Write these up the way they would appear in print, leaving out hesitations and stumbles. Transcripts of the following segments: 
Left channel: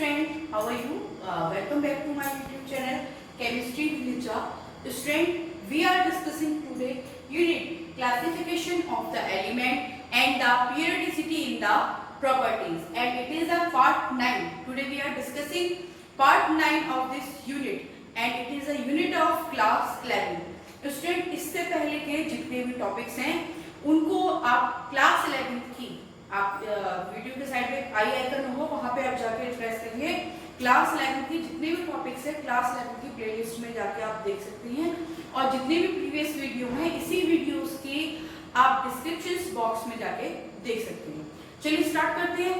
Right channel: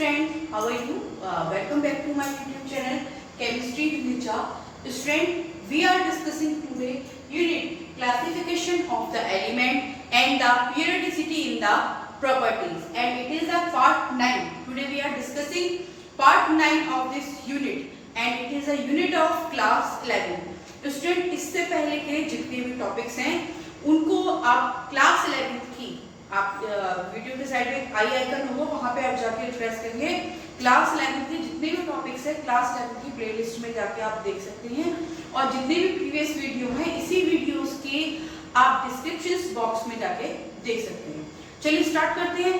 friend, how are you? Welcome back to my YouTube channel Chemistry with Richa. Student, we are discussing today unit classification of the element and the periodicity in the properties, and it is the part 9. Today we are discussing part 9 of this unit and it is a unit of class 11. Student, इससे पहले के जितने भी topics हैं उनको आप class 11 की आप वीडियो के साइड में आई आइकन होगा, वहां पे आप जाके रिफ्रेश करिए। क्लास 11 की जितने भी टॉपिक्स है क्लास 11 की प्लेलिस्ट में जाके आप देख सकते हैं, और जितने भी प्रीवियस वीडियो हैं इसी वीडियोस की आप डिस्क्रिप्शन बॉक्स में जाके देख सकते हैं। चलिए स्टार्ट करते हैं।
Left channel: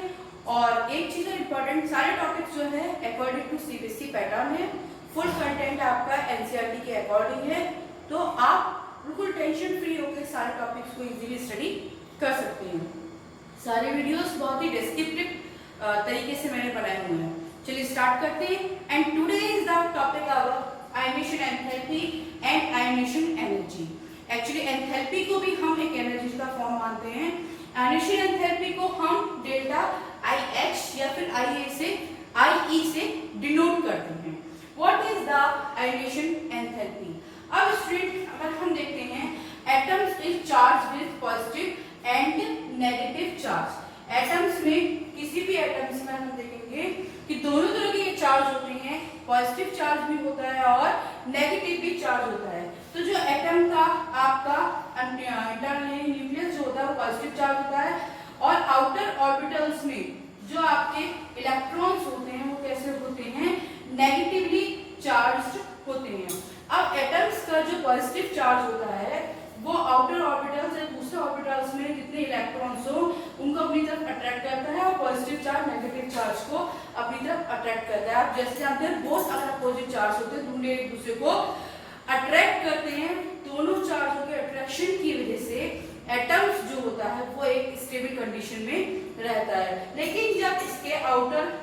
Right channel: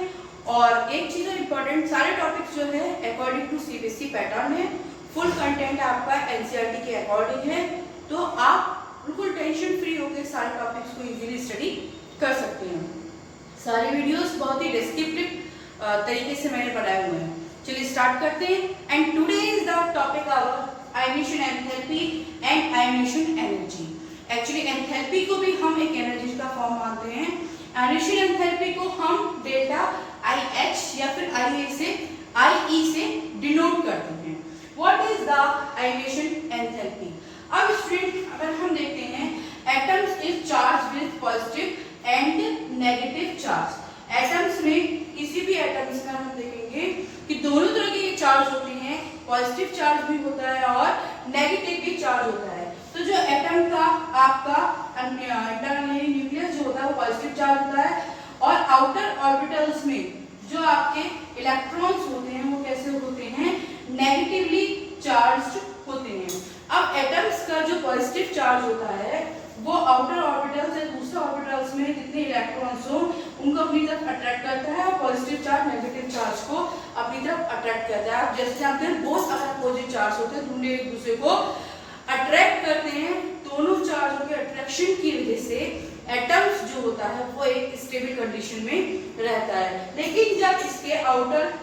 और एक चीज इम्पोर्टेंट, सारे टॉपिक्स जो है अकॉर्डिंग टू सीबीएसई पैटर्न है, फुल कंटेंट आपका एनसीईआरटी के अकॉर्डिंग है, तो आप बिल्कुल टेंशन फ्री होकर सारे टॉपिक्स को इजीली स्टडी कर सकते हैं। सारे वीडियोस बहुत ही डिस्क्रिप्टिव तरीके से मैंने बनाए हुए हैं। चलिए स्टार्ट करते हैं। And today is the topic our ionisation enthalpy and ionisation energy. Actually enthalpy को भी हम एक एनर्जी का फॉर्म मानते हैं। आयोनेशन एंथैल्पी को हम डेल्टा IH या फिर IE से डिनोट करते हैं। What is the ionisation enthalpy? अब स्टूडेंट अगर हम देखते हैं, atoms is charge with positive and negative charge. Atoms में किसी भी एटम्स में हम देखेंगे कि दोनों तरह के ये चार्ज होते हैं, पॉजिटिव चार्ज भी होता है और नेगेटिव भी चार्ज होता है। तो जो एटम का आपका इंटरनल न्यूक्लियस जो होता है वो पॉजिटिव चार्ज होता है, और आउटर ऑर्बिटल्स में जो आपके इलेक्ट्रॉन्स होते हैं वो कैसे होते हैं, नेगेटिवली चार्ज्ड होते हैं। अब एटम्स का जो पॉजिटिव चार्ज होता है वो आउटर ऑर्बिटल से दूसरे ऑर्बिटल्स में जितने इलेक्ट्रॉन्स हो उनको अपनी तरफ अट्रैक्ट करता है, और पॉजिटिव चार्ज नेगेटिव चार्ज को अपनी तरफ अट्रैक्ट करता है। आप जैसे आप बोथ अगर अपोजिट चार्ज होते हैं दोनों एक दूसरे को अट्रैक्ट करते हैं, दोनों चार्जों के अट्रैक्शन की वजह से एटम्स जो होता है वो एक स्टेबल कंडीशन में रहता है। लेकिन जब इसके आउटर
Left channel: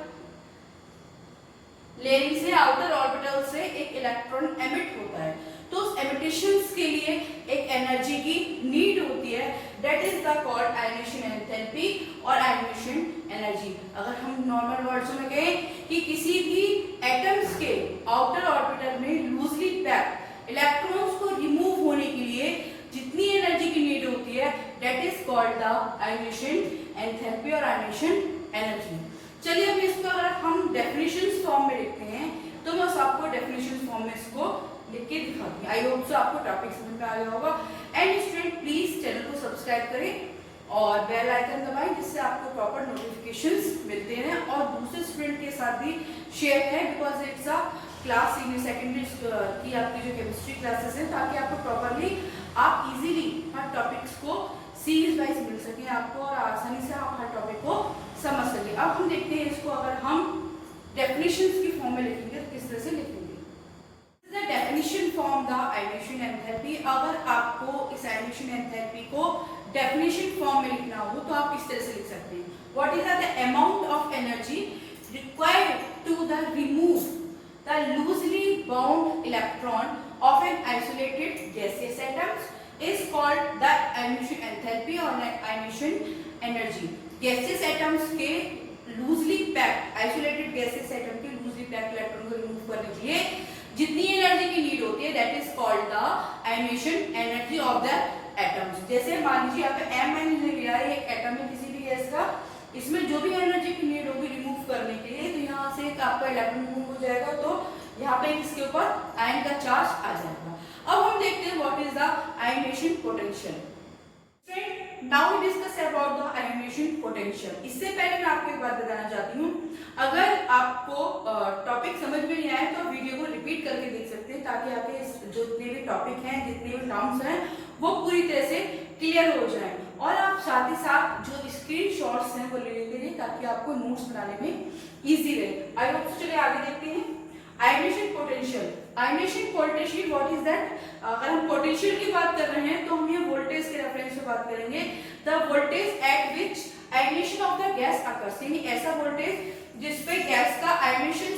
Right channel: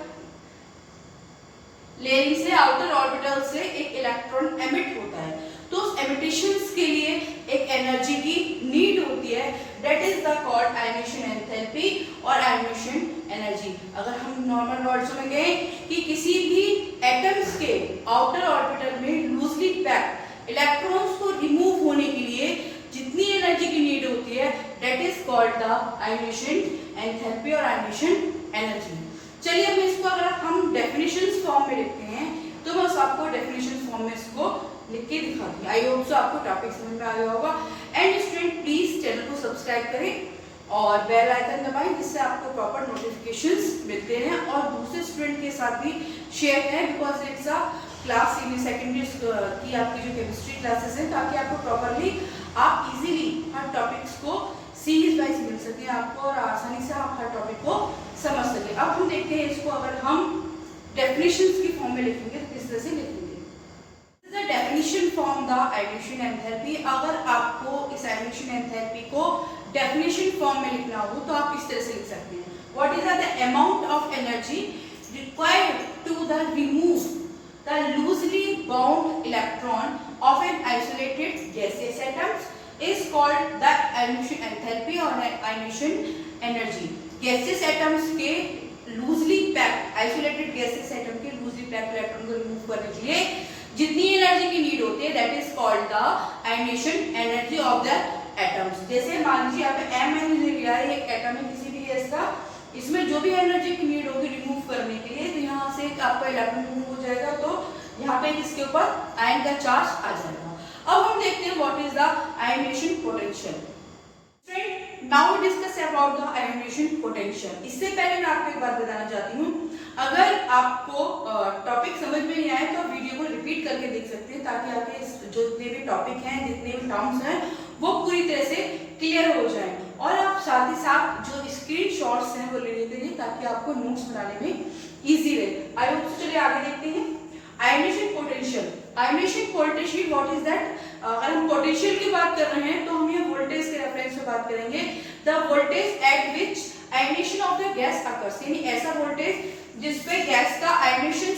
लेयरिंग से आउटर ऑर्बिटल से एक इलेक्ट्रॉन एमिट होता है, तो उस एमिटेशंस के लिए एक एनर्जी की नीड होती है, that is the called ionisation enthalpy और आयोनेशन एनर्जी। अगर हम नॉर्मल वर्ड्स में कहें कि किसी भी एटम्स के आउटर ऑर्बिटल में लूजली पैक्ड इलेक्ट्रॉन्स को रिमूव होने के लिए जितनी एनर्जी की नीड होती है, that is called the ionisation enthalpy और आयोनेशन एनर्जी। चलिए अब इसको अगर हम डेफिनेशंस फॉर्म में लिखते हैं तो मैं आपको डेफिनेशंस फॉर्म में इसको लिख के दिखाती हूँ। आई होप सो आपको टॉपिक समझ में आ गया होगा। एंड स्टूडेंट प्लीज चैनल को सब्सक्राइब करें और बेल आइकन दबाएं, जिससे आपको प्रॉपर नोटिफिकेशंस मिलते हैं, और दूसरे स्टूडेंट के साथ भी शेयर करें, because it's a class in secondary की आपकी जो केमिस्ट्री क्लासेस हैं, ताकि आपको प्रॉपरली आप इजीली हर टॉपिक्स को सीरीज वाइज मिल सके आपको, और आसानी से आप हर टॉपिक को समझ सके। अब हम देखते हैं इसको अगर हम डेफिनेशंस की फॉर्म में लिखेंगे तो किस तरह से लिखेंगे। The definition from the ionisation enthalpy. अगर आपको इस आयोनेशन एंथैल्पी को डेफिनेशन फॉर्म में लिखना हो तो आप इस तरह से लिख सकते हैं। What is the amount of energy required to the remove the loosely bound electron of an isolated gaseous atoms is called the ionisation enthalpy और आयोनेशन एनर्जी। गैसियस एटम्स के loosely packed isolated gaseous atom के loosely packed electron को remove करने के लिए जितनी energy की need होती है, that is called the ionisation energy of the atoms. जैसे मान लीजिए आप Mn लिया है, एक एटम है किसी भी गैस का, इसमें जो भी एनर्जी की नीड होगी रिमूव करने के लिए, तो यहाँ से आपका इलेक्ट्रॉन रिमूव हो जाएगा, तो यहाँ पे इसके ऊपर आयन का चार्ज आ जाएगा। अब हम देखते हैं what is the ionisation potential. Now we discuss about the ionisation potential. इससे पहले मैं आपको एक बात बताना चाहती हूँ, अगर आपको टॉपिक समझ में नहीं आए तो वीडियो को रिपीट करके देख सकते हैं, ताकि आपके जो जितने भी टॉपिक हैं, जितने भी टर्म्स हैं, वो पूरी तरह से क्लियर हो जाएं, और आप साथ ही साथ जो स्क्रीनशॉट्स हैं वो ले लेते रहिए, ताकि आपको नोट्स बनाने में इजी रहे। I hope so. चलिए आगे देखते हैं ionisation potential. Ionisation potential what is that? अगर हम पोटेंशियल की बात कर रहे हैं तो हम ये वोल्टेज के रेफरेंस में बात करेंगे। The voltage at which ionisation of the gas occurs, यानी ऐसा वोल्टेज जिसपे गैस का आयोनेशन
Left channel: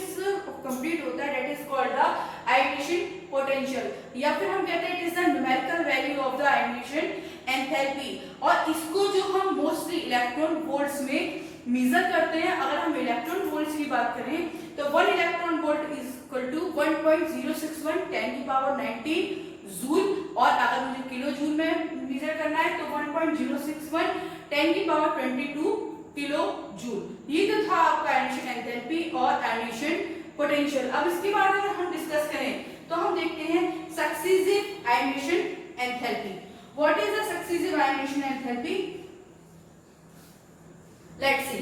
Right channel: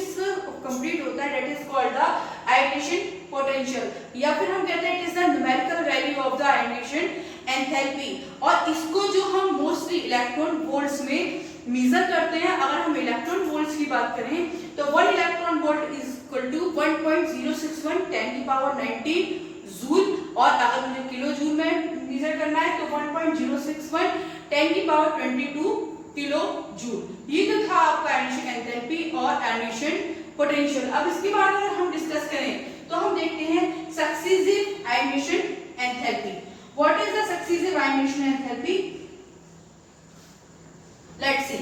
कंप्लीट होता है, that is called the ionisation potential, या फिर हम कहते हैं it is the numerical value of the ionisation enthalpy. और इसको जो हम मोस्टली इलेक्ट्रॉन वोल्ट्स में मेजर करते हैं। अगर हम इलेक्ट्रॉन वोल्ट्स की बात करें इक्वल टू 1.061 10 की पावर 19 जूल, और अगर मुझे किलो जूल में मेजर करना है तो 1.061 10 की पावर 22 किलो जूल। ये तो था आपका एडिशन एंथैल्पी और एडिशन पोटेंशियल। अब इसके बाद अगर हम डिस्कस करें तो हम देखते हैं successive ionization enthalpy. What is the successive ionization enthalpy? Let's see.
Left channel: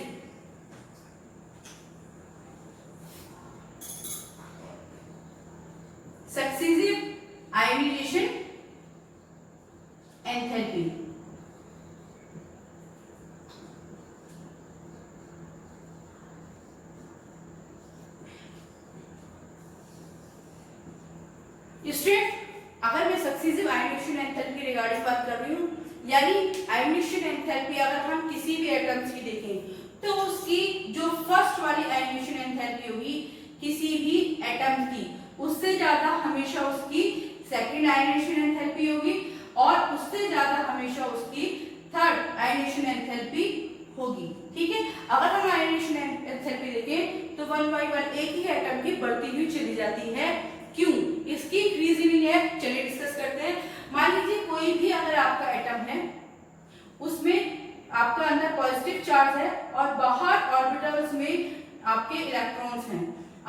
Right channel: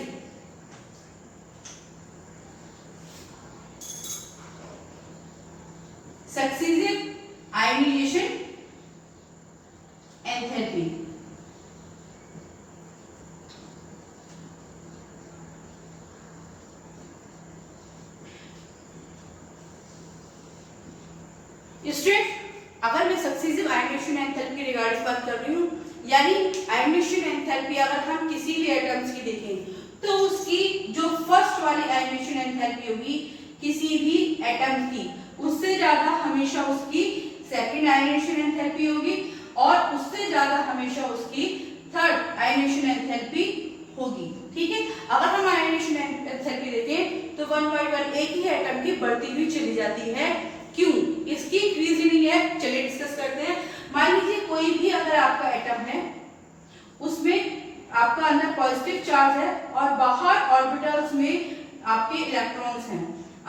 Successive ionization enthalpy student, अगर मैं सक्सीसिव आयोनाइजेशन एंथैल्पी के रिगार्डिंग बात कर रही हूँ, यानी आयोनाइजेशन एंथैल्पी अगर हम किसी भी एटम्स की देखें तो उसकी जो फर्स्ट वाली आयोनाइजेशन एंथैल्पी होगी किसी भी एटम की, उससे ज्यादा हमेशा उसकी सेकंड आयोनाइजेशन एंथैल्पी होगी और उससे ज्यादा हमेशा उसकी थर्ड आयोनाइजेशन एंथैल्पी होगी। ठीक है, अगर हम आयोनाइजेशन एंथैल्पी देखें तो 1 by 1 एक ही एटम की बढ़ती हुई चली जाती है। क्यों? इसकी रीजनिंग है, चलिए डिस्कस करते हैं। मान लीजिए कोई भी अगर आपका एटम है, उसमें आपका अंदर पॉजिटिव चार्ज है और बाहर ऑर्बिटल्स में आपके इलेक्ट्रॉन्स हैं।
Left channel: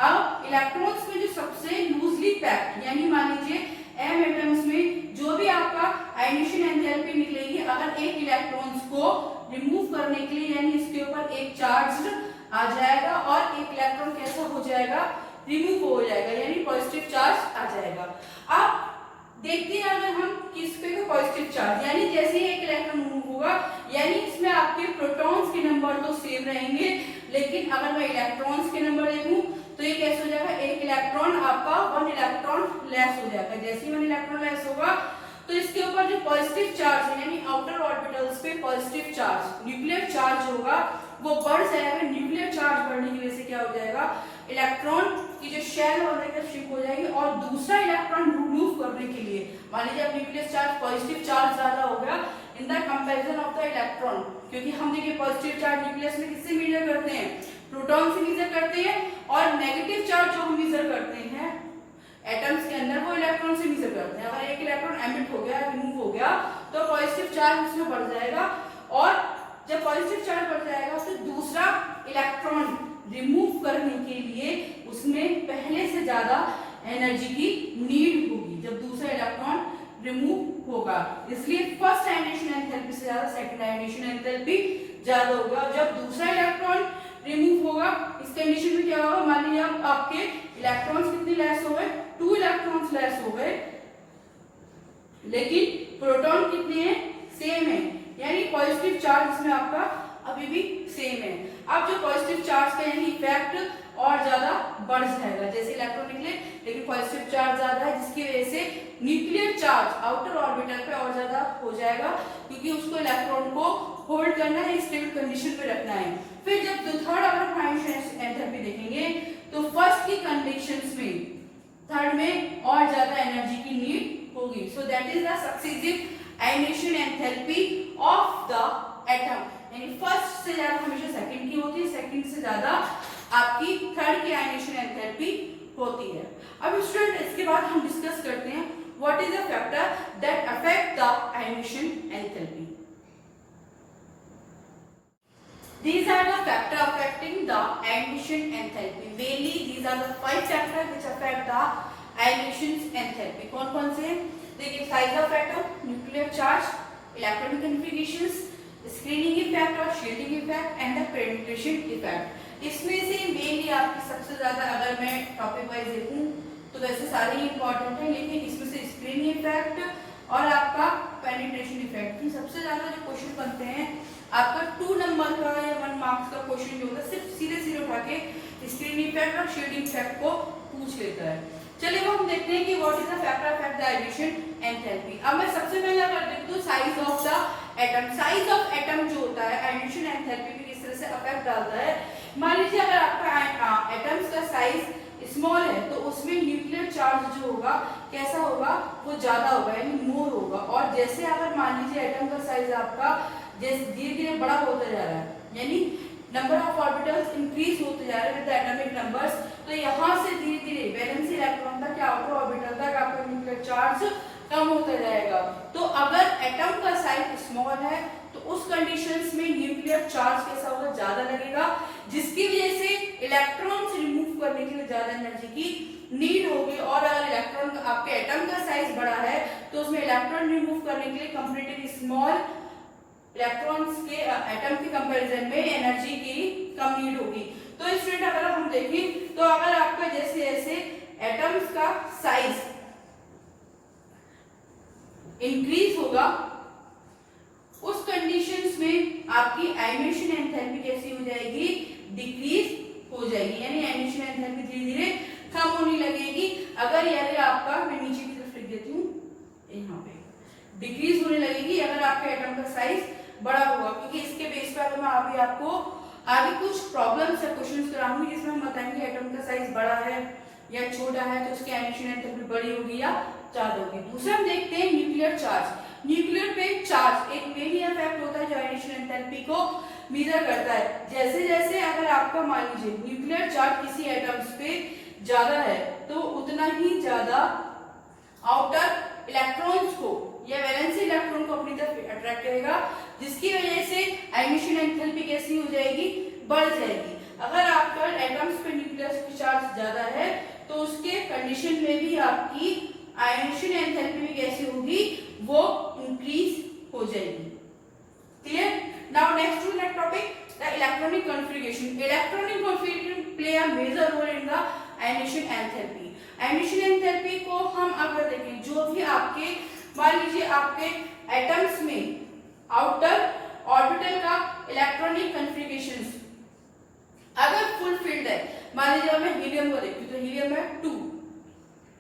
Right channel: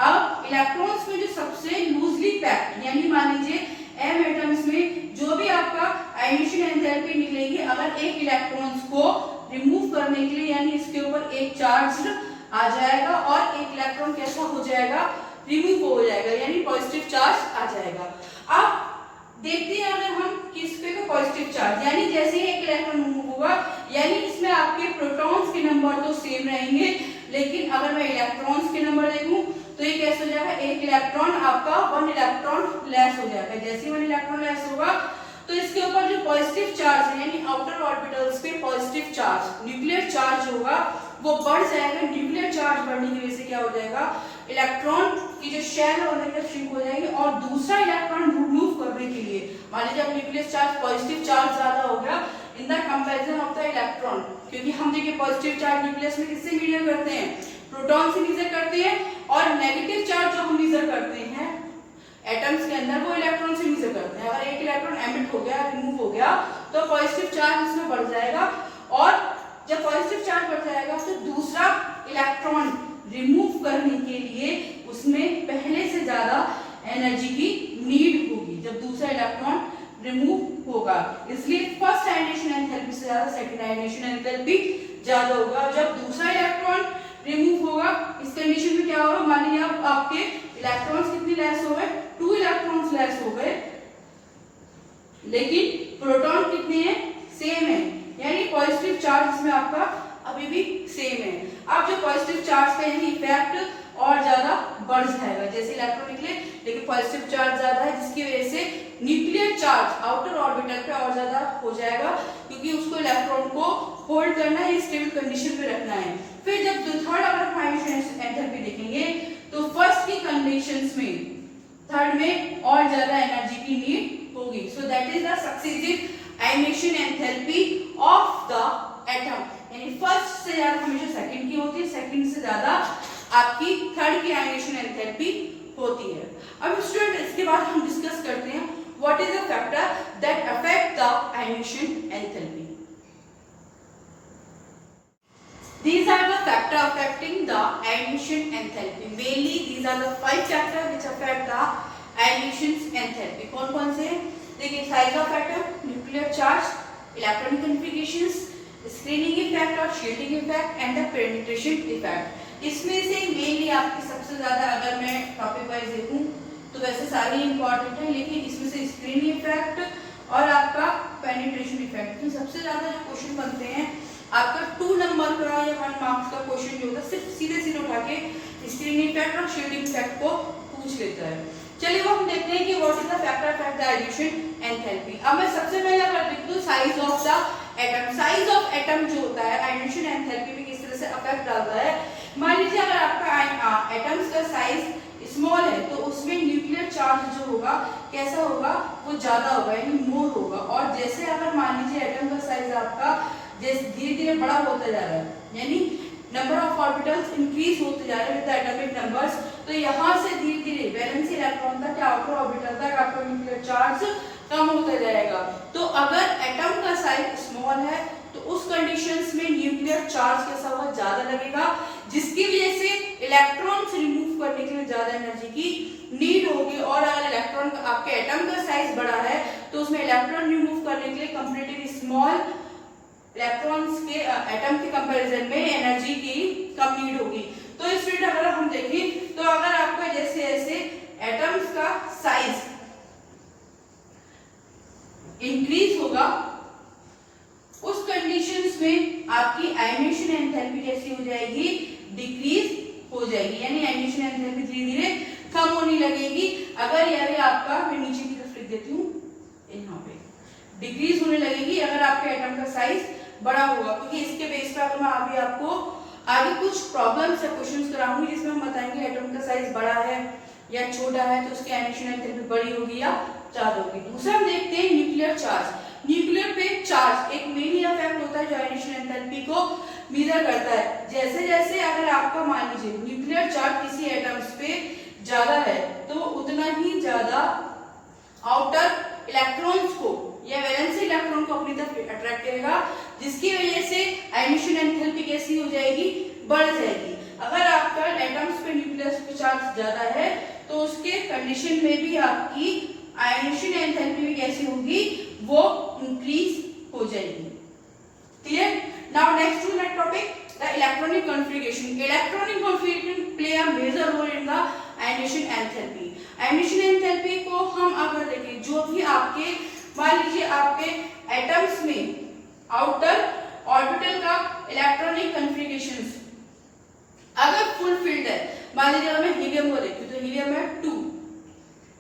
अब इलेक्ट्रॉन्स में जो सबसे लूजली पैक्ड, यानी मान लीजिए m एटम्स में जो भी आपका आयोनाइजेशन एंथैल्पी निकलेगी, अगर एक इलेक्ट्रॉन्स को रिमूव करने के लिए, यानी इसके ऊपर एक चार्ज आ जाएगा और एक इलेक्ट्रॉन कैसा हो जाएगा, रिमूव हो जाएगा, यानी पॉजिटिव चार्ज आ जाएगा। अब देखते हैं अगर हम किस पे को पॉजिटिव चार्ज, यानी जैसे ही एक इलेक्ट्रॉन रिमूव होगा, यानी इसमें आपके प्रोटॉन्स के नंबर तो सेम रहेंगे, लेकिन अगर मैं इलेक्ट्रॉन्स के नंबर देखूं तो ये कैसे हो जाएगा, एक इलेक्ट्रॉन आपका 1 इलेक्ट्रॉन लेस हो जाएगा। जैसे ही 1 इलेक्ट्रॉन लेस होगा तो इसके ऊपर जो पॉजिटिव चार्ज है, यानी आउटर ऑर्बिटल्स पे पॉजिटिव चार्ज, न्यूक्लियर चार्ज होगा, वो बढ़ जाएगा। न्यूक्लियर चार्ज बढ़ने की वजह से क्या हो जाएगा, इलेक्ट्रॉन की जो शेल है श्रिंक हो जाएगी और दूसरा इलेक्ट्रॉन रिमूव करने के लिए, मान लीजिए अब न्यूक्लियर चार्ज पॉजिटिव चार्ज ज्यादा हो गया इन the comparison of the electron, क्योंकि हम देखिए पॉजिटिव चार्ज न्यूक्लियस में किससे मेजर करते हैं, प्रोटॉन से मेजर करते हैं, और नेगेटिव चार्ज जो हम मेजर करते हैं एटम्स के अंदर वो इलेक्ट्रॉन से मेजर करते हैं। अगर एक इलेक्ट्रॉन एमिट हो गया, रिमूव हो गया, तो पॉजिटिव चार्ज इसमें बढ़ जाएगा, और जब पॉजिटिव चार्ज बढ़ जाएगा तो दूसरा इलेक्ट्रॉन रिमूव करने के लिए उसमें पहले से ज्यादा एनर्जी की नीड होगी जब दूसरा इलेक्ट्रॉन रिमूव होगा। इसलिए फर्स्ट आयोनाइजेशन एंथैल्पी से ज्यादा सेकंड आयोनाइजेशन एंथैल्पी ज्यादा होगा। जब दूसरा इलेक्ट्रॉन रिमूव होगा, इस कंडीशन में क्या होगा, मान लीजिए अब आपके इलेक्ट्रॉन्स कितने लेस हो गए, 2 इलेक्ट्रॉन्स लेस हो गए, लेकिन प्रोटॉन कितने हैं, सेम है, यानी पॉजिटिव चार्ज इसमें आपका अभी भी सेम है। अब जो पॉजिटिव चार्ज का यानी इफेक्ट और ज्यादा बढ़ जाएगा, जैसे इलेक्ट्रॉन निकले लेकिन पॉजिटिव चार्ज ज्यादा है, जिसकी वजह से न्यूक्लियर चार्ज आउटर ऑर्बिटल पे और ज्यादा हो जाएगा, क्योंकि उसको इलेक्ट्रॉन को होल्ड करना है, स्टेबल कंडीशन पे रखना है। फिर जब थर्ड अगर आयोनाइजेशन एंथैल्पी देखेंगे तो फर्स्ट की कंडीशंस में थर्ड में और ज्यादा एनर्जी की नीड होगी। So that is the successive ionisation enthalpy of the atom, यानी फर्स्ट से ज्यादा हमेशा सेकंड की होती है, सेकंड से ज्यादा आपकी थर्ड की आयोनाइजेशन एंथैल्पी होती है। अब स्टूडेंट इसके बाद हम डिस्कस करते हैं what is the factor that affect the ionisation enthalpy. These are the factors affecting the ionization enthalpy. Mainly these are the 5 factors which affect the ionization enthalpy. कौन कौन से हैं? देखिए, size of atom, nuclear charge, electronic configurations, screening effect और shielding effect and the penetration effect. इसमें से mainly आपकी सबसे ज्यादा अगर मैं टॉपिक वाइज देखूं तो वैसे सारे इंपॉर्टेंट है, लेकिन इसमें से स्क्रीनिंग इफेक्ट और आपका पेनिट्रेशन इफेक्ट की सबसे ज्यादा जो क्वेश्चन बनते हैं आपका 2 नंबर का या 1 मार्क्स का क्वेश्चन जो होता है सिर्फ सीधे सीधे उठा के स्क्रीनिंग इफेक्ट और शील्डिंग इफेक्ट को पूछ लेता है। चलिए वो हम देखते हैं कि what is the factor affect the ionisation enthalpy. अब मैं सबसे पहले अगर देखूं तो size of the atom, size of atom जो होता है आयोनाइजेशन एंथैल्पी में किस तरह से अफेक्ट डालता है। मान लीजिए अगर आपका एटम्स का साइज स्मॉल है तो उसमें न्यूक्लियर चार्ज जो होगा कैसा होगा, वो ज्यादा होगा यानी मोर होगा, और जैसे अगर मान लीजिए एटम का साइज आपका जैसे धीरे धीरे बड़ा होता जा रहा है, यानी नंबर ऑफ ऑर्बिटल्स इंक्रीज होते जा रहे हैं विद एटॉमिक नंबर्स, तो यहाँ से धीरे धीरे वैलेंसी आपका न्यूक्लियर चार्ज कम होता जाएगा। तो अगर एटम का साइज स्मॉल है तो उस कंडीशंस में न्यूक्लियर चार्ज कैसा होगा, ज्यादा लगेगा, जिसकी वजह से इलेक्ट्रॉन्स रिमूव करने के लिए ज्यादा एनर्जी की नीड होगी। और अगर इलेक्ट्रॉन आपके एटम का साइज बड़ा है तो उसमें इलेक्ट्रॉन रिमूव करने के लिए कंपैरेटिवली स्मॉल इलेक्ट्रॉन्स के एटम के कंपैरिजन में एनर्जी की कम नीड होगी। तो स्टूडेंट अगर हम देखें तो अगर आपका जैसे जैसे एटम्स का साइज इंक्रीज होगा उस कंडीशंस में आपकी आयनेशन एंथैल्पी कैसी हो जाएगी, डिक्रीज हो जाएगी, यानी आयनेशन एंथैल्पी धीरे धीरे कम होने लगेगी। अगर यानी आपका, मैं नीचे की तरफ लिख देती हूँ, यहाँ पे डिक्रीज होने लगेगी अगर आपके एटम का साइज बड़ा होगा, क्योंकि इसके बेस पर अगर मैं अभी आपको आगे कुछ प्रॉब्लम्स या क्वेश्चंस कराऊंगी जिसमें हम बताएंगे एटम का साइज बड़ा है या छोटा है तो उसकी आयनेशन एंथैल्पी बड़ी होगी या ज्यादा होगी। दूसरा हम देखते हैं न्यूक्लियर चार्ज। न्यूक्लियर पे चार्ज एक मेन इफेक्ट होता है जो आयनेशन एंथैल्पी को मेजर करता है। जैसे जैसे अगर आपका मान लीजिए न्यूक्लियर चार्ज किसी एटम्स पे ज्यादा है तो उतना ही ज्यादा आउटर इलेक्ट्रॉन्स को या वैलेंसी इलेक्ट्रॉन को अपनी तरफ अट्रैक्ट करेगा, जिसकी वजह से आयनेशन एंथैल्पी कैसी हो जाएगी, बढ़ जाएगी। अगर आपका एटम्स पे न्यूक्लियर चार्ज ज्यादा है तो उसके कंडीशन में भी आपकी आयनेशन एंथैल्पी भी कैसी होगी, वो इंक्रीज हो जाएगी। Clear? Now next to next topic, the electronic configuration. Electronic configuration play a major role in the ionisation enthalpy. Ionisation enthalpy को हम अगर देखें, जो भी आपके मान लीजिए आपके एटम्स में आउटर ऑर्बिटल का इलेक्ट्रॉनिक कॉन्फ़िगरेशंस अगर फुलफिल्ड है, मान लीजिए मैं हीलियम को देखूं तो हीलियम है 2,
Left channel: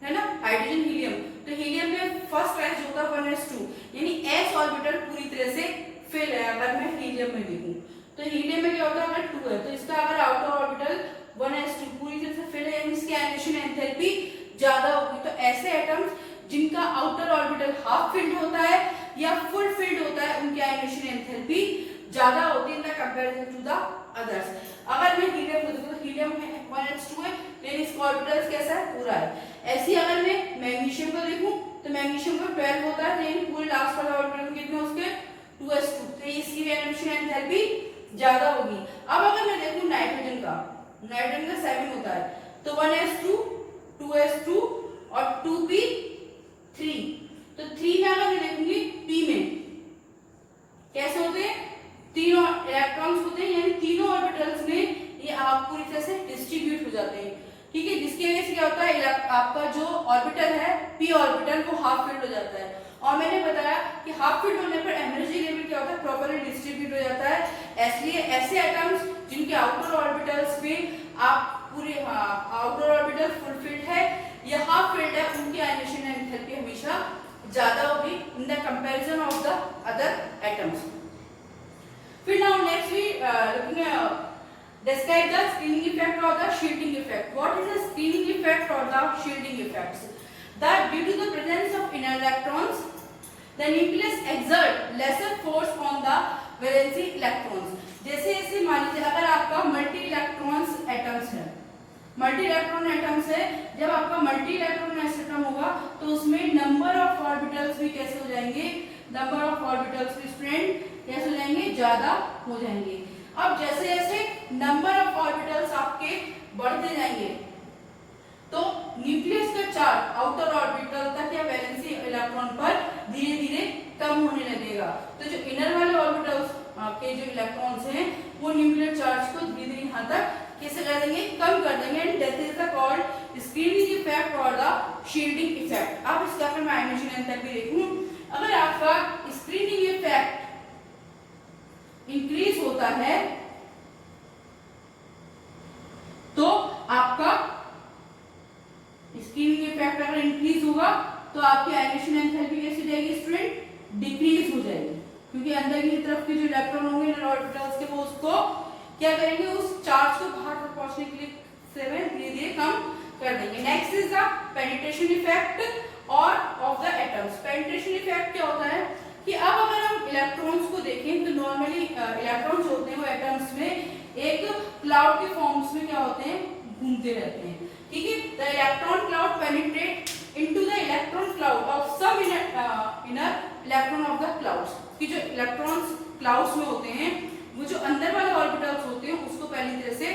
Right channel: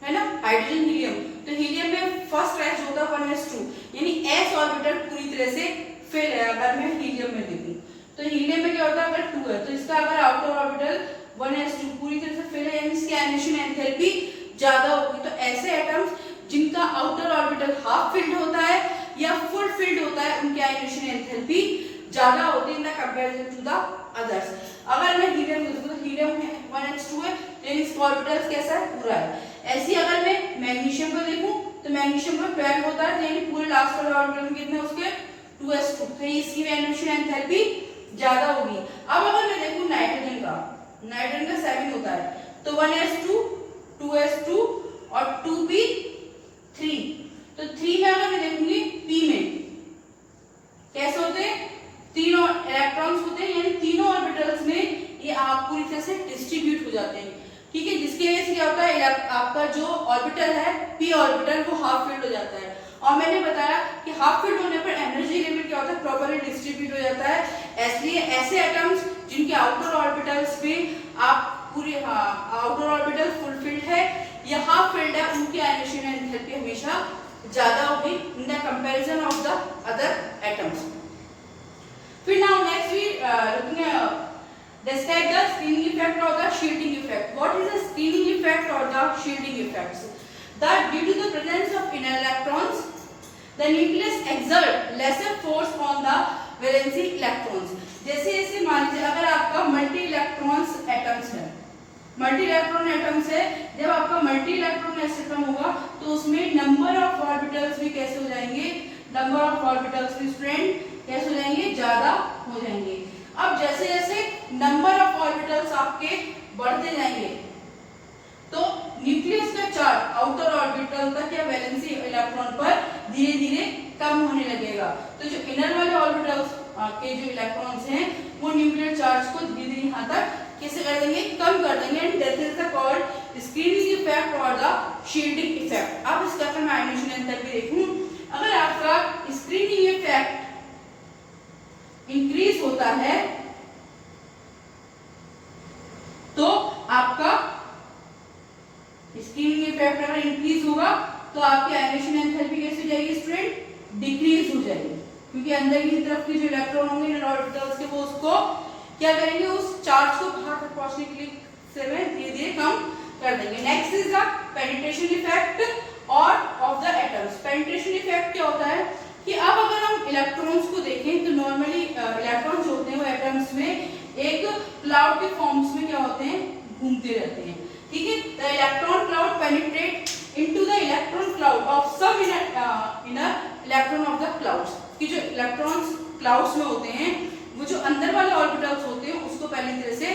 है ना, हाइड्रोजन हीलियम, तो हीलियम में फर्स्ट राइज होता है 1s2, यानी s ऑर्बिटल पूरी तरह से फिल है। अगर मैं हीलियम में देखूं तो हीलियम में क्या होता है, अगर 2 है तो इसका अगर आउटर ऑर्बिटल 1s2 पूरी तरह से फिल है, यानी इसकी आयनेशन एंथैल्पी ज्यादा होगी। तो ऐसे एटम्स जिनका आउटर ऑर्बिटल हाफ फिल्ड होता है या फुल फिल्ड होता है उनकी आयनेशन एंथैल्पी ज्यादा होती है कंपैरिजन टू द अदर्स। अगर मैं हीलियम को देखूं तो हीलियम में 1s2 है, यानी इसका ऑर्बिटल कैसा है, पूरा है। ऐसे अगर मैं मैग्नीशियम को देखूं तो मैग्नीशियम का 12 होता है, यानी पूरे लास्ट वाले ऑर्बिटल में कितने उसके 2s2, तो इसकी आयनेशन एंथैल्पी ज्यादा होगी। अब अगर मैं देखूं नाइट्रोजन का 7 होता है, तो 1s2 2s2 और 2p3, तो 3 में अगर मैं देखूंगी p में कैसे होते हैं, तीनों इलेक्ट्रॉन्स होते हैं, यानी तीनों ऑर्बिटल्स में ये आप पूरी तरह से डिस्ट्रीब्यूट हो जाते हैं। ठीक है, जिसकी वजह से क्या होता है, आपका जो ऑर्बिटल है p ऑर्बिटल वो हाफ फिल्ड हो जाता है। और मैंने बताया कि हाफ फिल्ड होने पर एनर्जी लेवल क्या होता है, प्रॉपर्ली डिस्ट्रीब्यूट हो जाता है। इसलिए ऐसे एटम्स जिनके आउटर ऑर्बिटल्स में आप पूरे आउटर ऑर्बिटल फुल फिल्ड है या हाफ फिल्ड है, उनकी आयनेशन एंथैल्पी हमेशा ज्यादा होगी in the comparison of the other atoms. फिर now next we looking describe the screening effect or the shielding effect. What is the screening effect or the shielding effects? That due to the presence of inner electrons, the nucleus exert lesser force on the valency electrons. जैसे जैसे मान लीजिए अगर आपका multi electrons atoms है, multi electron atoms है, जब आपका मल्टी इलेक्ट्रॉन एटम होगा तो उसमें नंबर ऑफ ऑर्बिटल्स भी कैसे हो जाएंगे, नंबर ऑफ ऑर्बिटल्स भी स्ट्रेंथ कैसे हो जाएंगे, ज्यादा हो जाएंगे। अब जैसे जैसे नंबर ऑफ ऑर्बिटल्स आपके बढ़ते जाएंगे तो न्यूक्लियस का चार्ज आउटर ऑर्बिटल तक या वैलेंसी इलेक्ट्रॉन पर धीरे धीरे कम होने लगेगा। तो जो इनर वाले ऑर्बिटल्स के जो इलेक्ट्रॉन्स हैं वो न्यूक्लियर चार्ज को धीरे धीरे यहाँ तक कैसे कर देंगे, कम कर देंगे। And that is the called screening effect और द शील्डिंग इफेक्ट। अब इसका अगर मैं आयनेशन एंथैल्पी देखूं, अगर आपका स्क्रीनिंग इफेक्ट इंक्रीज होता है तो आपका स्क्रीनिंग इफेक्ट अगर इंक्रीज होगा तो आपकी आयनेशन एंथैल्पी कैसे हो जाएगी स्टूडेंट, डिक्रीज हो जाएगी, क्योंकि अंदर की तरफ के जो इलेक्ट्रॉन होंगे इनर ऑर्बिटल्स के वो उसको क्या करेंगे, उस चार्ज को बाहर तक पहुंचने के लिए धीरे धीरे कम कर देंगे। Next is the penetration effect और of the atoms. Penetration effect क्या होता है कि अब अगर हम इलेक्ट्रॉन्स को देखें तो नॉर्मली इलेक्ट्रॉन्स होते हैं वो एटम्स में एक क्लाउड के फॉर्म्स में क्या होते हैं, घूमते रहते हैं। ठीक है, the electron cloud penetrate into the inner electron of the clouds, कि जो इलेक्ट्रॉन्स क्लाउड्स में होते हैं वो जो अंदर वाले ऑर्बिटल्स होते हैं उसको पहली तरह से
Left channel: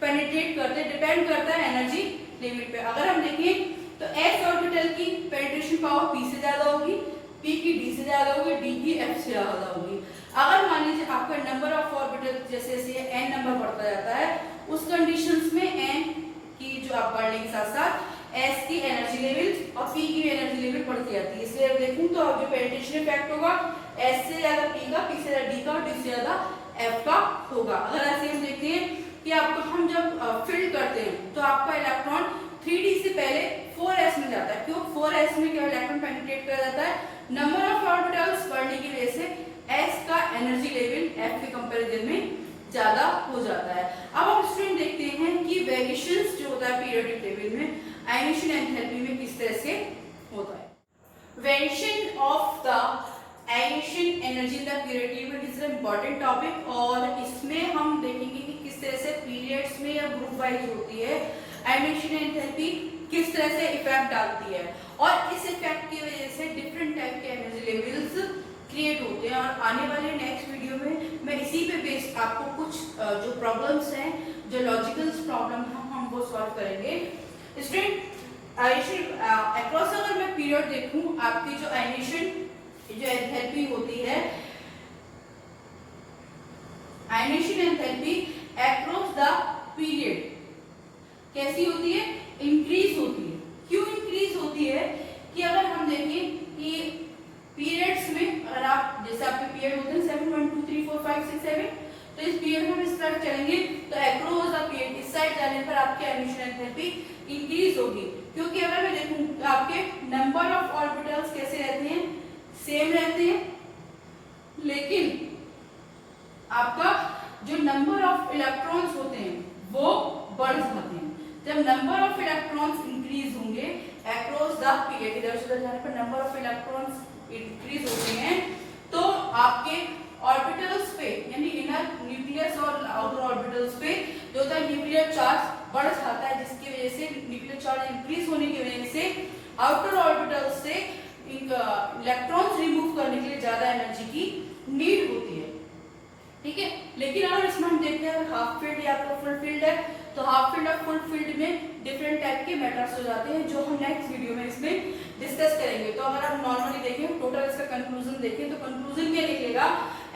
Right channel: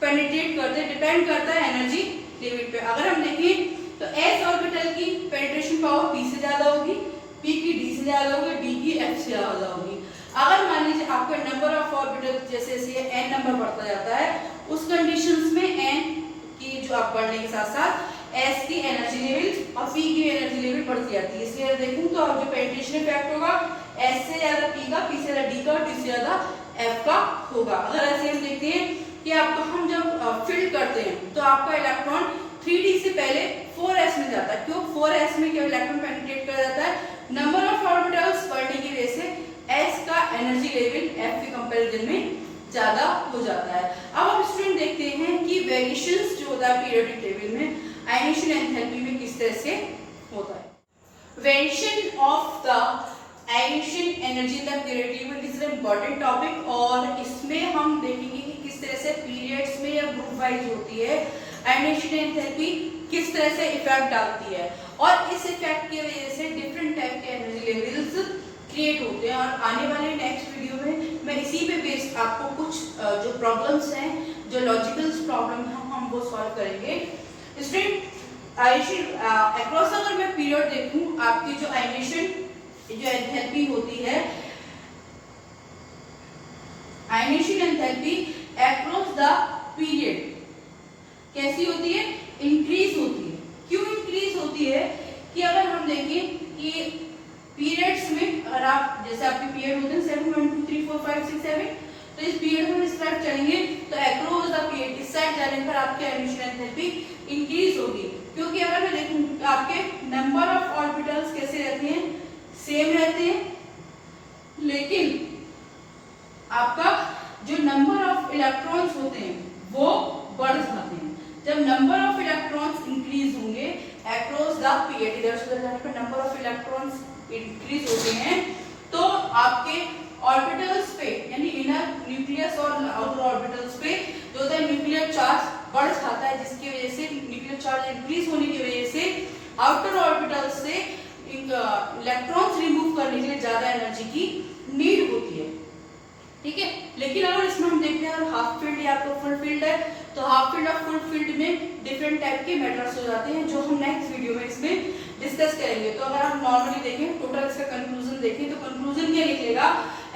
पेनिट्रेट करते हैं, डिपेंड करता है एनर्जी लेवल पे। अगर हम देखें तो एस ऑर्बिटल की पेनिट्रेशन पावर पी से ज्यादा होगी, पी की डी से ज्यादा होगी, डी की एफ से ज्यादा होगी। अगर मान लीजिए आपका नंबर ऑफ ऑर्बिटल जैसे जैसे एन नंबर बढ़ता जाता है उस कंडीशंस में एन की जो आप बढ़ने के साथ साथ एस की एनर्जी लेवल और पी की एनर्जी लेवल बढ़ती जाती है। इसलिए देखूं तो अब जो पेनिट्रेशन इफेक्ट होगा एस से ज्यादा पी का, पी से ज्यादा डी का और डी से ज्यादा एफ का होगा। अगर ऐसे हम देखते हैं कि आपको हम जब फील्ड करते हैं तो आपका इलेक्ट्रॉन 3d से पहले 4s में जाता है। क्यों 4s में क्या इलेक्ट्रॉन पेनिट्रेट कर जाता है, नंबर ऑफ ऑर्बिटल्स बढ़ने की वजह से s का एनर्जी लेवल f के कंपैरिजन में ज्यादा हो जाता है। अब हम स्टूडेंट देखते हैं कि वेरिएशंस जो होता है पीरियोडिक टेबल में आयनेशन एंथैल्पी में किस तरह से होता है। Variation of the ionisation energy in the periodic table is an important topic और इसमें हम देखेंगे कि किस तरह से पीरियड्स में या ग्रुप वाइज होती है आयनेशन एंथैल्पी, किस तरह से इफेक्ट डालती है और इस इफेक्ट की वजह से डिफरेंट टाइप के एनर्जी लेवल्स क्रिएट होते हैं। और आने वाले नेक्स्ट वीडियो में मैं इसी पे बेस्ड आपको कुछ जो प्रॉब्लम्स हैं, जो लॉजिकल प्रॉब्लम हम वो सॉल्व करेंगे। स्टूडेंट आयनेशन अक्रॉस अगर मैं पीरियड देखूं आपकी जो आयनेशन जो एंथैल्पी होती है, ionisation enthalpy across the period कैसी होती है, इंक्रीज होती है। क्यों इंक्रीज होती है कि अगर हम देखें कि पीरियड्स में अगर आप जैसे आपके पीरियड होते हैं 7 1 2 3 4 5 6 7 तो इस पीरियड में इस तरफ चलेंगे तो अक्रॉस द पीरियड इस साइड जाने पर आपकी आयनेशन एंथैल्पी इंक्रीज होगी। क्योंकि अगर मैं देखूं आपके नंबर ऑफ ऑर्बिटल्स कैसे रहते हैं, सेम रहते हैं, लेकिन आपका जो नंबर ऑफ इलेक्ट्रॉन्स होते हैं वो बढ़ जाते हैं। जब नंबर ऑफ इलेक्ट्रॉन्स इंक्रीज होंगे अक्रॉस द पीरियड, इधर से उधर जाने पर नंबर ऑफ इलेक्ट्रॉन्स इंक्रीज होते हैं तो आपके ऑर्बिटल्स पे यानी इनर न्यूक्लियस और आउटर ऑर्बिटल्स पे जो होता है न्यूक्लियर चार्ज बढ़ जाता है, जिसकी वजह से न्यूक्लियर चार्ज इंक्रीज होने की वजह से आउटर ऑर्बिटल्स से इलेक्ट्रॉन्स रिमूव करने के लिए ज्यादा एनर्जी की नीड होती है। ठीक है, लेकिन अगर इसमें हम देखते हैं हाफ फील्ड या तो फुल फील्ड है तो हाफ फील्ड और फुल फील्ड में डिफरेंट टाइप के मेथड्स हो जाते हैं जो हम नेक्स्ट वीडियो में इसमें डिस्कस करेंगे। तो अगर आप नॉर्मली देखें टोटल इसका कंक्लूजन देखें तो कंक्लूजन क्या निकलेगा,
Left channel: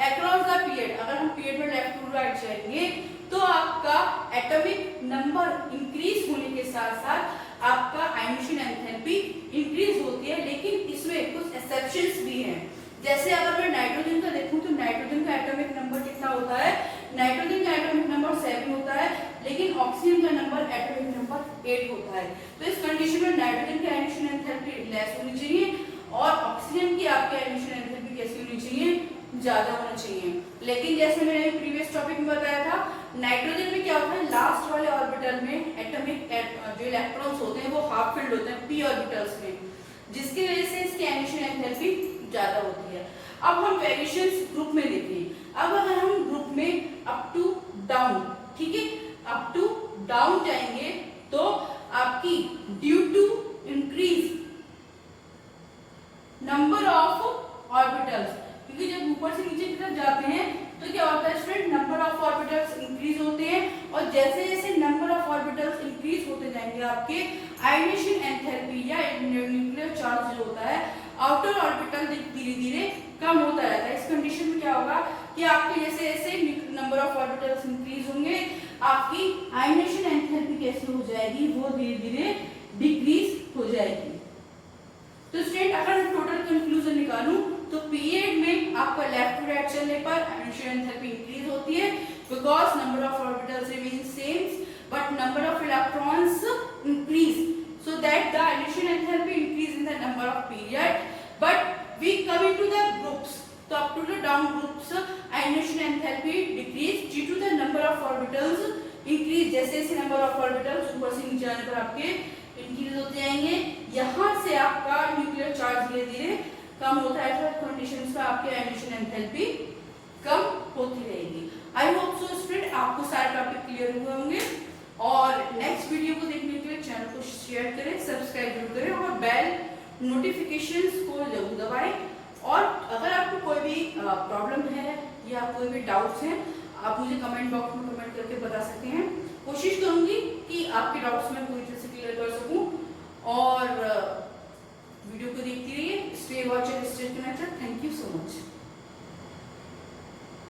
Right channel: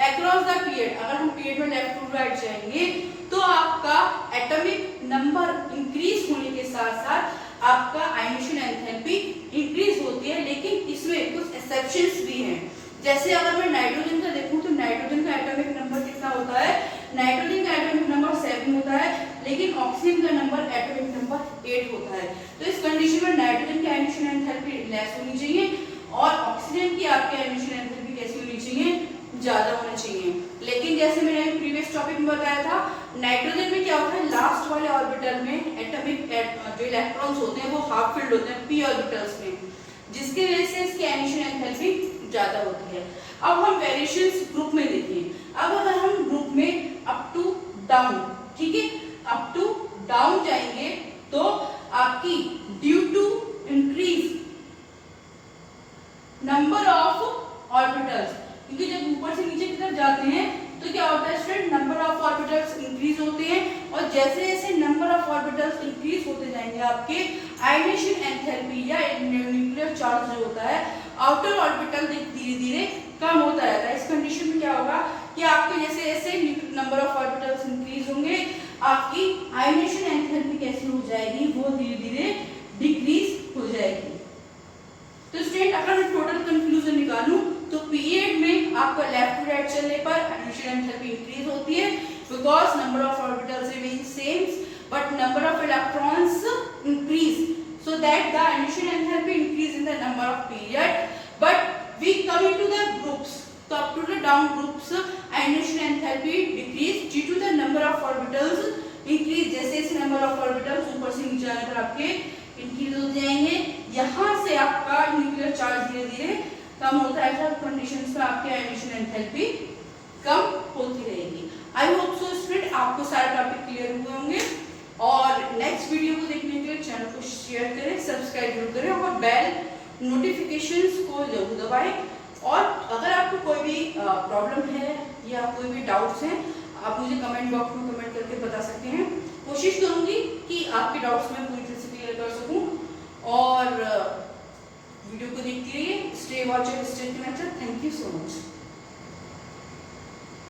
अक्रॉस द पीरियड अगर हम पीरियड में लेफ्ट टू राइट जाएंगे तो आपका एटॉमिक नंबर इंक्रीज होने के साथ साथ आपका आयनेशन एंथैल्पी इंक्रीज होती है। लेकिन इसमें कुछ एक्सेप्शंस भी हैं, जैसे अगर मैं नाइट्रोजन का देखूं तो नाइट्रोजन का एटॉमिक नंबर कितना होता है, नाइट्रोजन का एटॉमिक नंबर 7 होता है लेकिन ऑक्सीजन का नंबर एटॉमिक नंबर 8 होता है। तो इस कंडीशन में नाइट्रोजन की आयनेशन एंथैल्पी लेस होनी चाहिए और ऑक्सीजन की आपकी आयनेशन एंथैल्पी कैसी होनी चाहिए, ज्यादा होना चाहिए। लेकिन जैसे मैंने प्रीवियस टॉपिक में बताया था नाइट्रोजन में क्या होता है, लास्ट वाले ऑर्बिटल में एटॉमिक जो इलेक्ट्रॉन्स होते हैं वो हाफ फील्ड होते हैं पी ऑर्बिटल्स में, जिसकी वजह से इसकी आयनेशन एंथैल्पी ज्यादा होती है। अब हम वेरिएशंस ग्रुप में देखें। अब अगर हम ग्रुप में अप टू डाउन, ठीक है, अप टू डाउन जाएंगे तो आपकी due to increase number of orbitals, क्योंकि जब ऊपर से नीचे की तरफ जाते हैं तो क्या होता है student, number of orbitals increase होते हैं और जैसे जैसे नंबर ऑफ ऑर्बिटल्स इंक्रीज होते जाएंगे आपके आयनेशन एंथैल्पी या न्यूक्लियर चार्ज जो होता है आउटर ऑर्बिटल धीरे धीरे कम होता रहता है। इस कंडीशन में क्या होगा कि आपके जैसे जैसे नंबर ऑफ ऑर्बिटल्स इंक्रीज होंगे आपकी आयनेशन एंथैल्पी कैसी हो जाएगी, वो धीरे धीरे डिक्रीज हो जाएगी। तो स्टूडेंट अगर मैं टोटल कंक्लूजन निकालूं तो पीरियड में आपका लेफ्ट टू राइट चलने पर आयनेशन एंथैल्पी इंक्रीज होती है because number of orbitals remain same but number of electrons increase, so that the ionisation enthalpy increase in the number of period, but we come into the groups, so up to the down groups ionisation enthalpy decrease due to the number of orbitals increase, जैसे जैसे number of orbitals ऊपर से नीचे आने पर आपके increase होते जाएंगे, यहाँ से आपका न्यूक्लियर चार्ज धीरे धीरे कम होता है। ऐसा कंडीशंस में आपके आयनेशन एंथैल्पी कम होती रहेगी। आई होप सो स्टूडेंट आपको सारे टॉपिक क्लियर हुए होंगे और नेक्स्ट वीडियो को देखने के लिए चैनल को शेयर करें, सब्सक्राइब जरूर करें और बेल नोटिफिकेशंस को जरूर दबाएं और अगर आपको कोई भी प्रॉब्लम है या कोई भी डाउट्स हैं, आप मुझे कमेंट बॉक्स में कमेंट करके बता सकते हैं। कोशिश करूंगी कि आपके डाउट्स मैं पूरी तरह से क्लियर कर सकूं। और वीडियो को देखते रहिए, stay watch and stay connected. Thank you so much.